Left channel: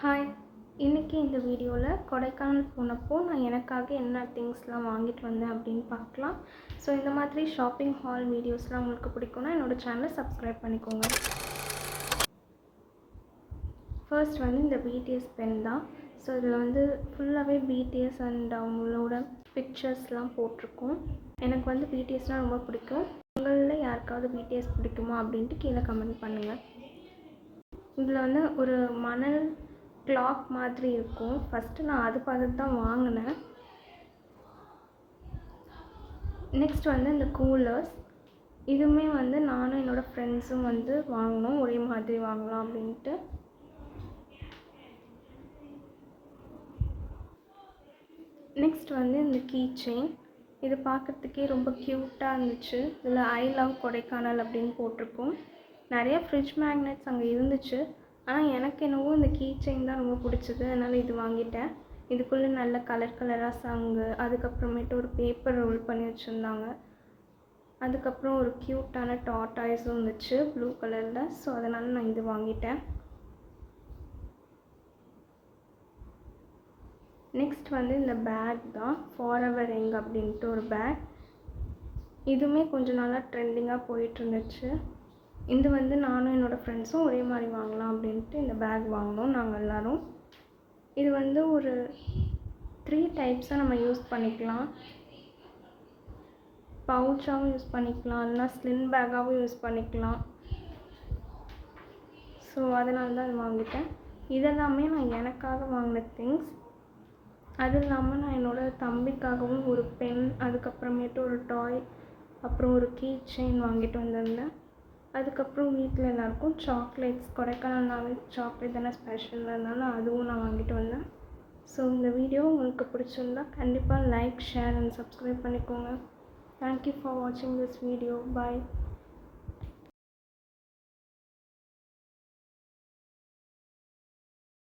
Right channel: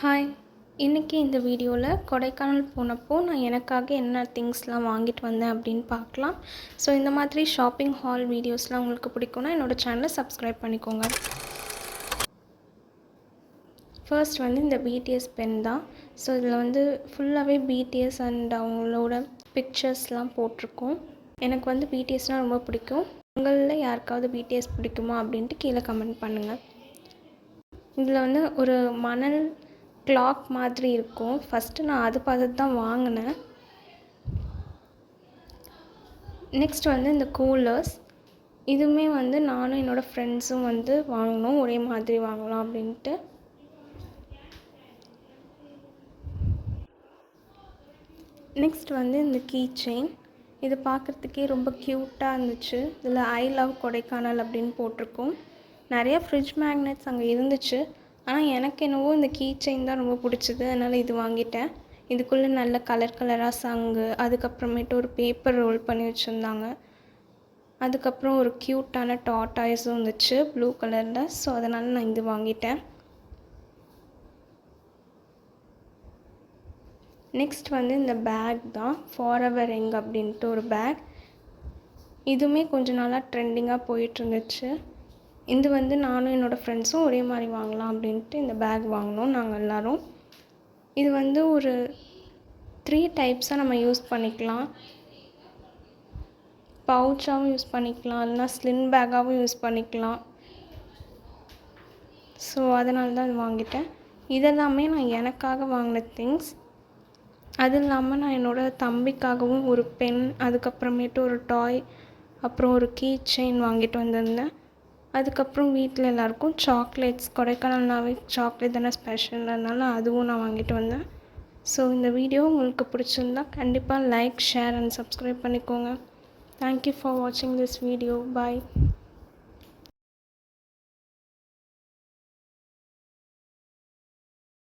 Hi! இன்றைக்கி இந்த வீடியோவில் கொடைக்கானல் போனப்போ நான் எனக்காக என்ன திங்ஸ்லாம் வாங்கிட்டு வந்தேன் அப்படின்னு பார்க்கலாம். ஸோ இந்த மாதிரி ஷாப்பிங் ஹால் வீடியோஸ்லாம் உங்களுக்கு பிடிக்கும்னா என்னோடய சேனலை சப்ஸ்கிரைப் பண்ணிக்கோங்க. ஃபர்ஸ்ட் இந்த பிடிஎஸ் பென் தான். ஸோ இதில் ஃபுல்லாகவே பிடிஎஸ் அண்ட் அவங்களோட பிக்சர்ஸ்லாம் போட்டிருக்கோம். எனக்கு பிடிஎஸ்னால் ரொம்ப பிடிக்கும். உங்களில் யாருக்காவது பிடிஎஸ் பிடிக்குமா அப்படின்ட்டு கீழே கமெண்ட் பண்ணுங்கள். இதில் ஒரு மணல் கிளாக் மாதிரி இருக்கும். ஃபஸ்ட்டு நான் அது பார்த்துட்டு தான் வாங்கினேன். நெக்ஸ்ட் இந்த கூலர்ஸ். இதுவுமே நானும் என்னோடய ஃப்ரெண்ட்ஸும் வாங்கினோம். ஒரே மாதிரி வாங்கலாம் அப்படின்ட்டு. நெக்ஸ்ட் இந்த கீ செயின். இது பார்க்குறதுக்கே ரொம்ப க்யூட்டாக இருந்துச்சு. இதில் ஐ லவ் கொடைக்கானல் அப்படின்னு போட்டிருக்கோம். நிறைய ஃப்ரிட்ஜ் மேக்னெட்ஸ் அங்கே இருந்துச்சு. ஆனால் எனக்கு என்னவோ இந்த கீ செயின் தான் ரொம்ப பிடிச்சிது. அதனால் இது வாங்கிட்டேன். இதுக்குள்ளே நல்ல கலர் கலராக சங்கு, அதுக்கப்புறமேட்டு ஒரு பேப்பர் ரோல் பண்ணி வச்சுருந்தாங்க. அதுக்கப்புறம் ஒரு க்யூட்டான டாட்டாய்ஸும் இருந்துச்சு ப்ளூ கலரில். ஸோ அதனால் நான் இது வாங்கிட்டேன். நெக்ஸ்ட் இந்த பேக் தான், ஃபாரெவர் யங் அப்படின்ட்டு ஒரு பேக். இதுவுமே கொஞ்சம் நாளாக ட்ரெண்டிங்காக போயிட்டுருந்துச்சு. இது நானும் என்னோடய ஃப்ரெண்ட்ஸும் ஒரே மாதிரி வாங்கலாம் அப்படின்ட்டு இந்த பேக் வாங்கினோம் நாங்கள் எல்லோரும். இது ஒரு 3 டைப்ஸாக நம்ம யூஸ் பண்ணிக்கலாம். பவுச்சாகவும் யூஸ் பண்ணிக்கலாம், இல்லைனா ஸ்லிங் பேக்காகவும் யூஸ் பண்ணிக்கலாம். ஸோ அதனால தான் இது வாங்கிட்டேன். இதெல்லாமே நான் எனக்காக வாங்கின திங்ஸ். அது இல்லாமல் நான் என்னோடய தம்பிக்காகவும் ஒரு பென், அதுக்கப்புறமேட்டு ஒரு டாய், அப்புறம் ஒரு கீ செயின் வாங்கிட்டு வந்திருந்தேன். அதுக்கப்புறம் வீட்டில் எல்லாேருக்கும் சாக்லேட்ஸ், கொடைக்கானல்னாவே சாக்லேட் தானே ஸ்பெஷல், அதனால் அதுவும் நான் வாங்கிட்டு வந்தேன். ஸோ இந்த வீடியோ உங்களுக்கு பிடிச்சிருந்தா கண்டிப்பாக லைக், ஷேர் அண்ட் சப்ஸ்கிரைப் பண்ணிக்கோங்க. தேங்க்யூ ஃபார் வாட்சிங் திஸ் வீடியோ. பாய்.